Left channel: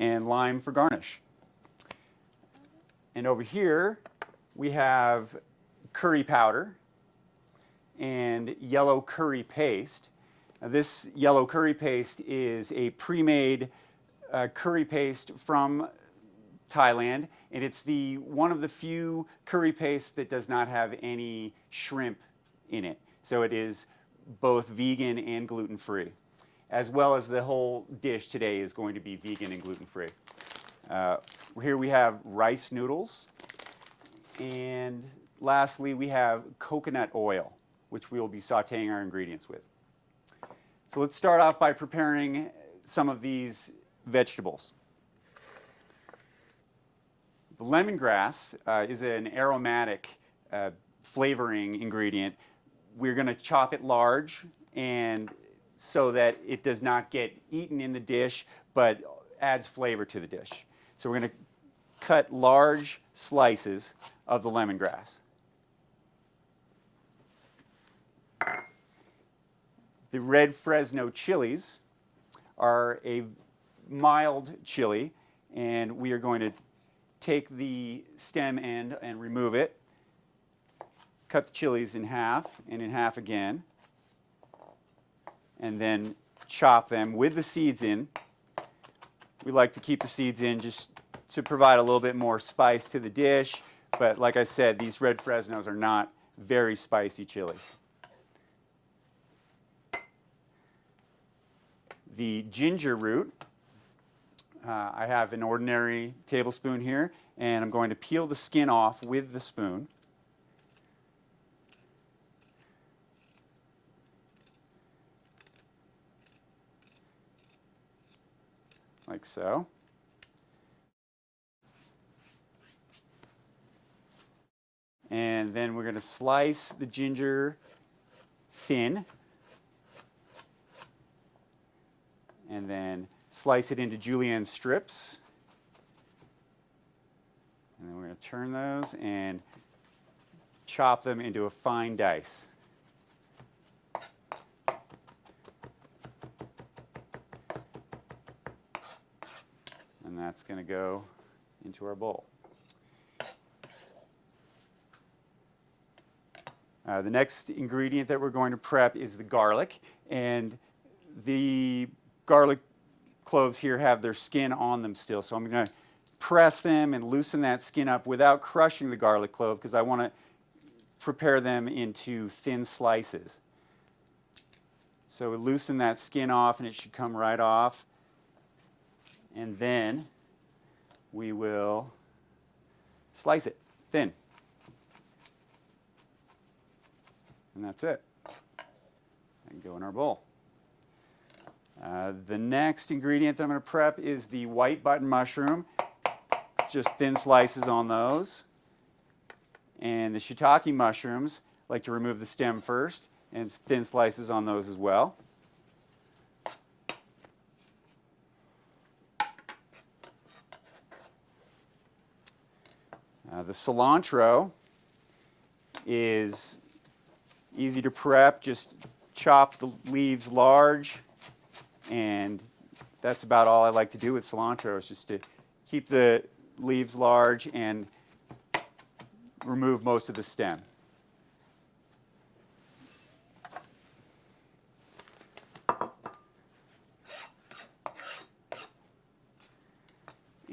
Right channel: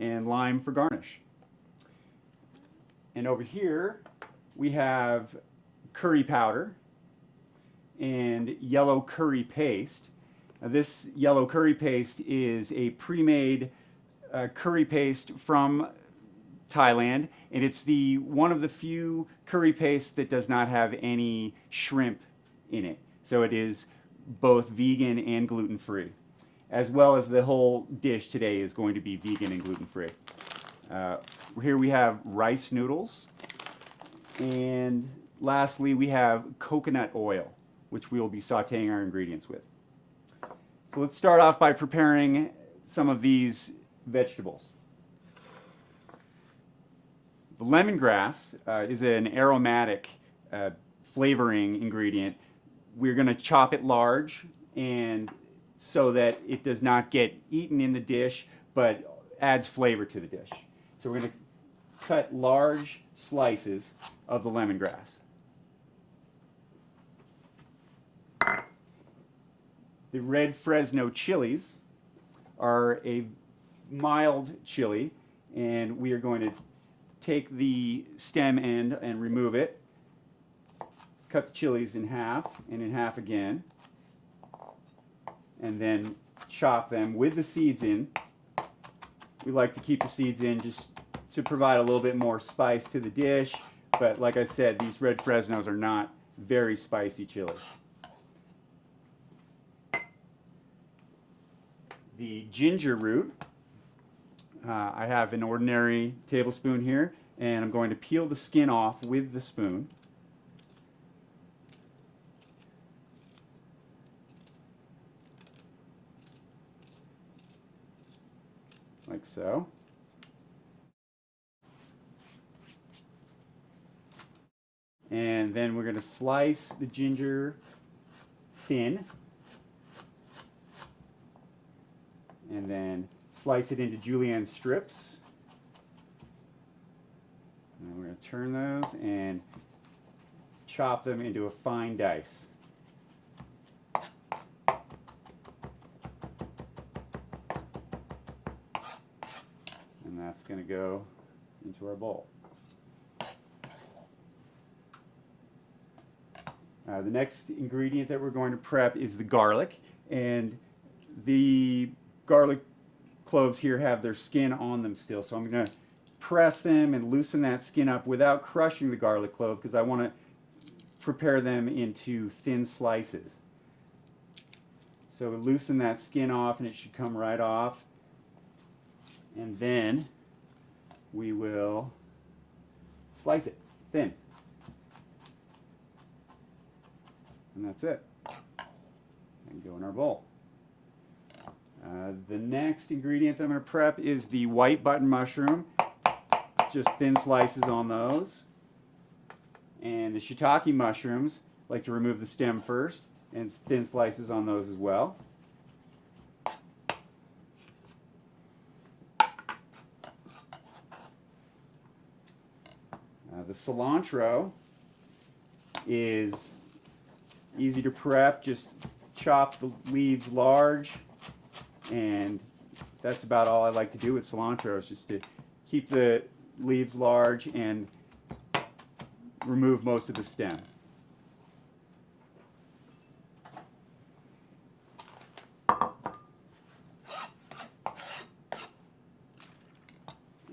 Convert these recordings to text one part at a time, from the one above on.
and lime for garnish. And over here we have curry powder and yellow curry paste. Now, this yellow curry paste is a pre-made curry paste from Thailand, and it's one of the few curry pastes that does not have any shrimp in it. So it is both vegan and gluten-free, as well as the whole dish today is going to be vegan and gluten-free. Here we have rice noodles, and lastly we have coconut oil, which we will be sauteing our ingredients with. So let's start off by preparing some of these vegetables. Lemongrass is an aromatic flavoring ingredient. We're going to chop it large, and so that it does not get eaten in the dish, but adds flavor to the dish. So we're going to cut large slices of the lemongrass. The red Fresno chilies are a mild chili, and we are going to take the stem end and remove it, cut the chilies in half and in half again, and then chop them with the seeds in. We like to keep the seeds in just to provide a little bit more spice to the dish, but like I said, these red Fresnos are not very spicy chilies. The ginger root, I have an ordinary tablespoon here, and I'm going to peel the skin off with the spoon. Like so. And then we're going to slice the ginger thin, and then slice it into julienne strips. And we're going to turn those and chop them into a fine dice. And that's going to go into our bowl. The next ingredient that we're going to prep is the garlic, and the garlic cloves here have their skin on them still, so I'm going to press them and loosen that skin up without crushing the garlic clove, because I want to prepare them into thin slices. So we loosen that skin off, and it should come right off, and then we will slice it thin. And that's it. And go in our bowl. The next ingredient that I'm going to prep is the white button mushroom. Just thin slices on those. And the shiitake mushrooms, I like to remove the stem first, and thin slices on those as well. The cilantro is easy to prep. Just chop the leaves large, and that's about all I like to do with cilantro, is just to keep the leaves large and remove most of the stem.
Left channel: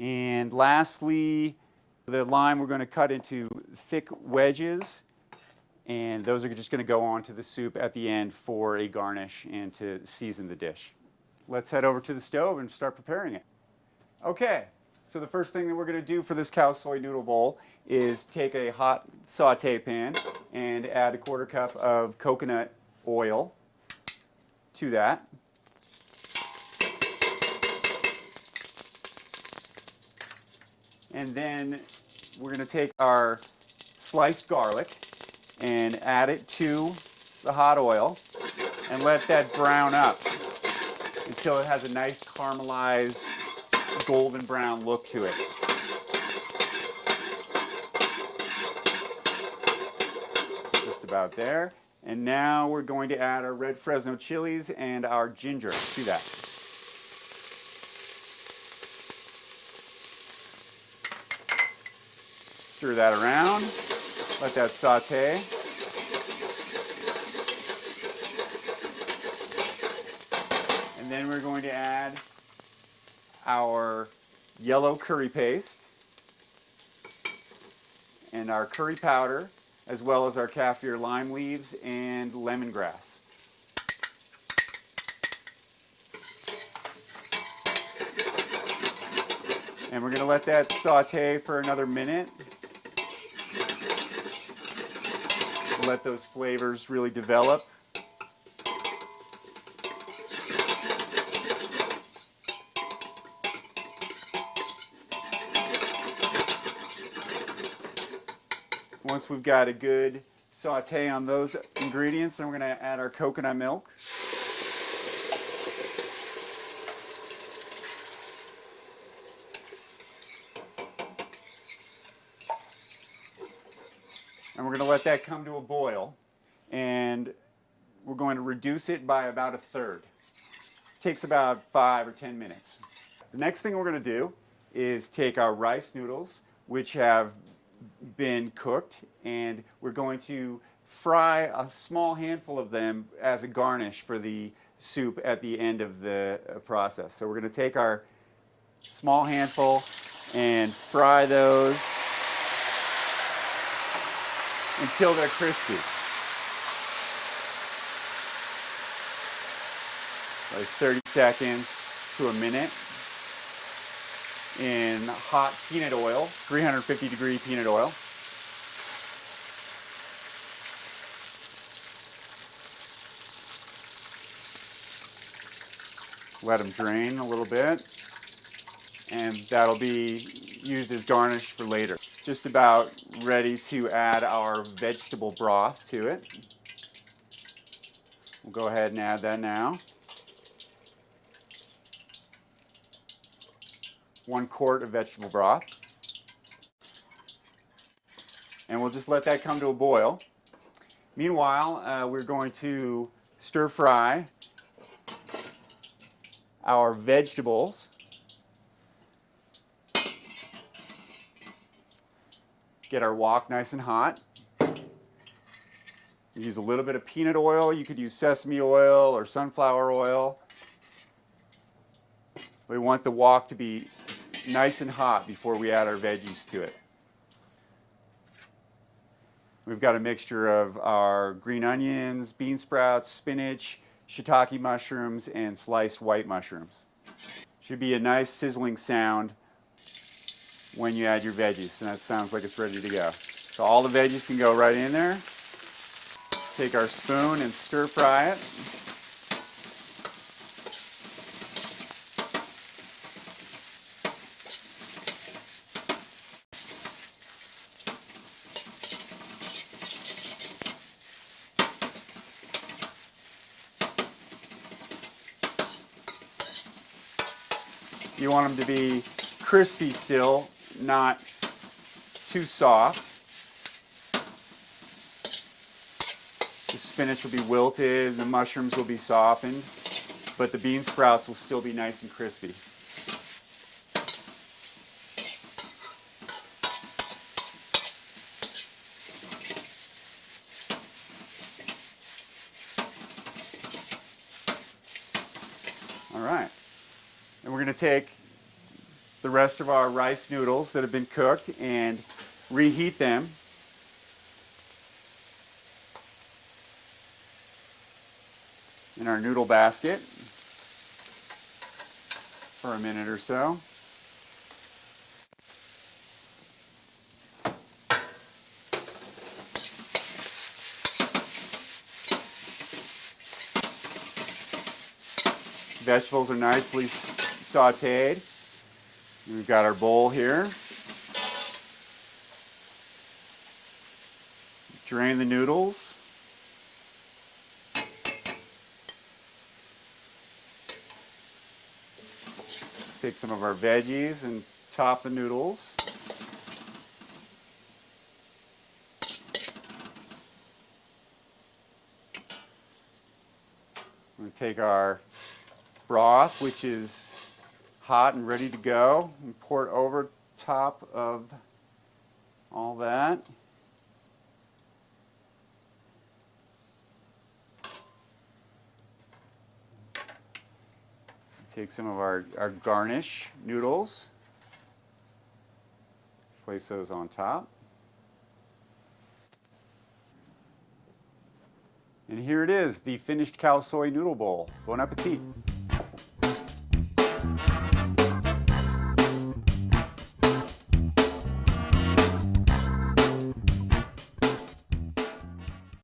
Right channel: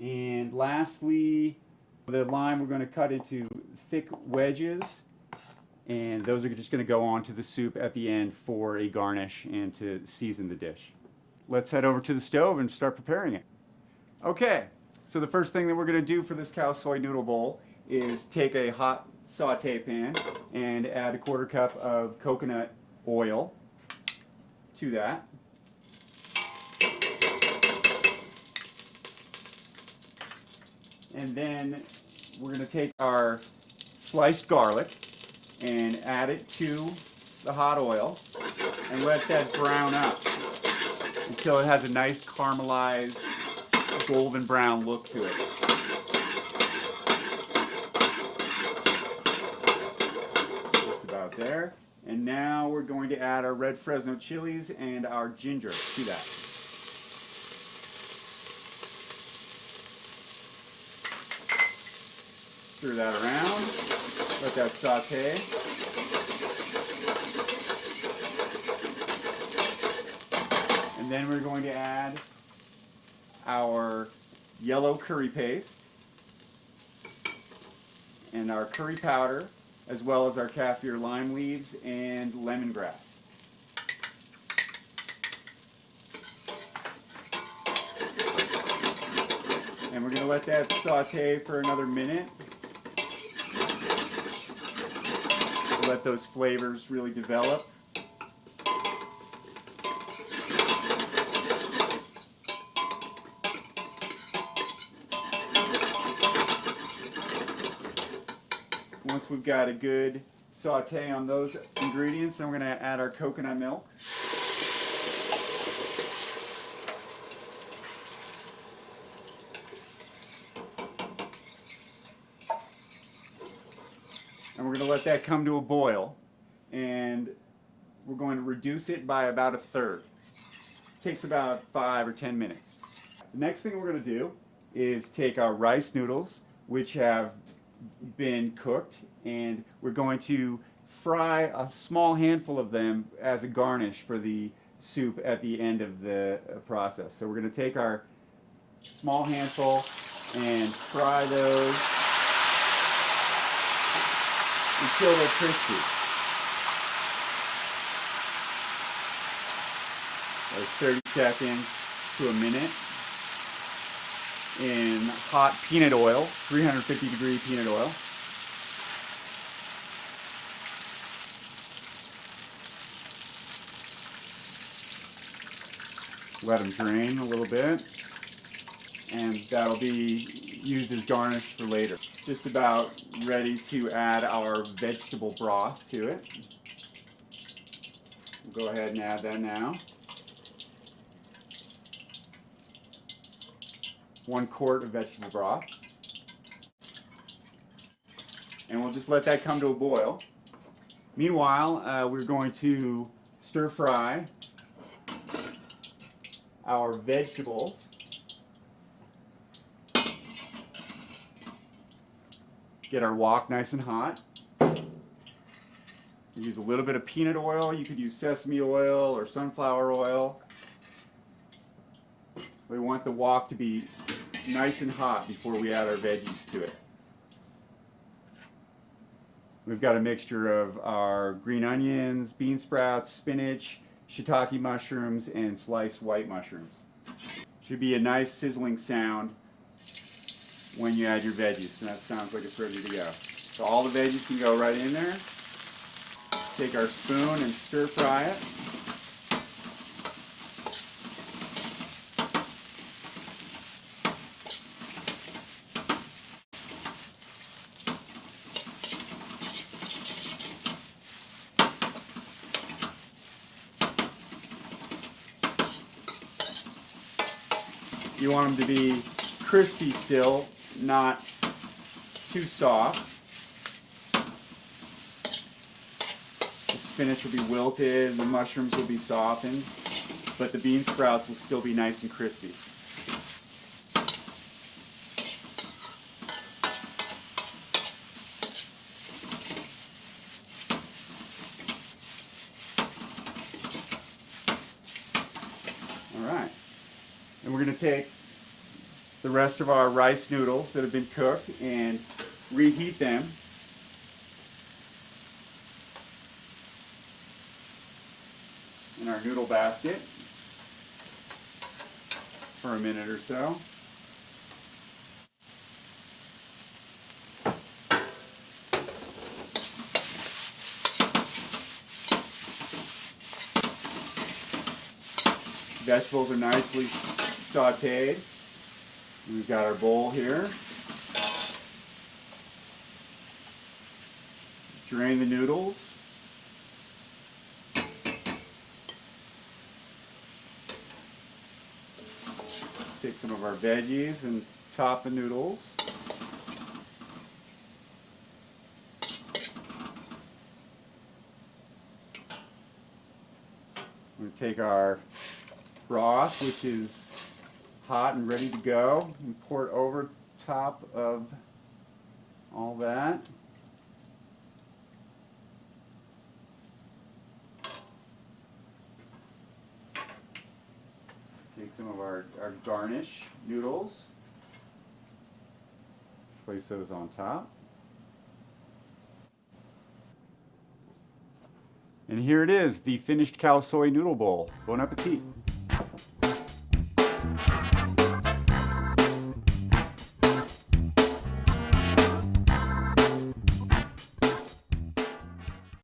And lastly, the lime we're going to cut into thick wedges, and those are just going to go onto the soup at the end for a garnish and to season the dish. Let's head over to the stove and start preparing it. Okay, so the first thing that we're going to do for this cow soy noodle bowl is take a hot saute pan and add a 1/4 cup of coconut oil to that. And then we're going to take our sliced garlic and add it to the hot oil and let that brown up until it has a nice caramelized golden brown look to it. Just about there. And now we're going to add our red Fresno chilies and our ginger to that. Stir that around. Let that saute. And then we're going to add our yellow curry paste and our curry powder, as well as our kaffir lime leaves and lemongrass. And we're going to let that saute for another minute. Let those flavors really develop. Once we've got a good saute on those ingredients, then we're going to add our coconut milk. And we're going to let that come to a boil. And we're going to reduce it by about a third. It takes about 5 or 10 minutes. The next thing we're going to do is take our rice noodles, which have been cooked, and we're going to fry a small handful of them as a garnish for the soup at the end of the process. So we're going to take our small handful and fry those until they're crispy. Like 30 seconds to a minute in hot peanut oil, 350 degree peanut oil. Let them drain a little bit, and that'll be used as garnish for later. Just about ready to add our vegetable broth to it. We'll go ahead and add that now. 1 quart of vegetable broth. And we'll just let that come to a boil. Meanwhile, we're going to stir fry our vegetables. Get our wok nice and hot. Use a little bit of peanut oil. You could use sesame oil or sunflower oil. We want the wok to be nice and hot before we add our veggies to it. We've got a mixture of our green onions, bean sprouts, spinach, shiitake mushrooms, and sliced white mushrooms. Should be a nice sizzling sound when you add your veggies, and that sounds like it's ready to go. So all the veggies can go right in there. Take our spoon and stir fry it. You want them to be crispy still, not too soft. The spinach will be wilted, the mushrooms will be softened, but the bean sprouts will still be nice and crispy. All right. And we're going to take the rest of our rice noodles that have been cooked and reheat them. In our noodle basket for a minute or so. Vegetables are nicely sauteed. We've got our bowl here. Drain the noodles. Take some of our veggies and top the noodles. We're going to take our broth, which is hot and ready to go, and pour it over top of all that. Take some of our garnish noodles, place those on top. And here it is, the finished cow soy noodle bowl. Bon appetit.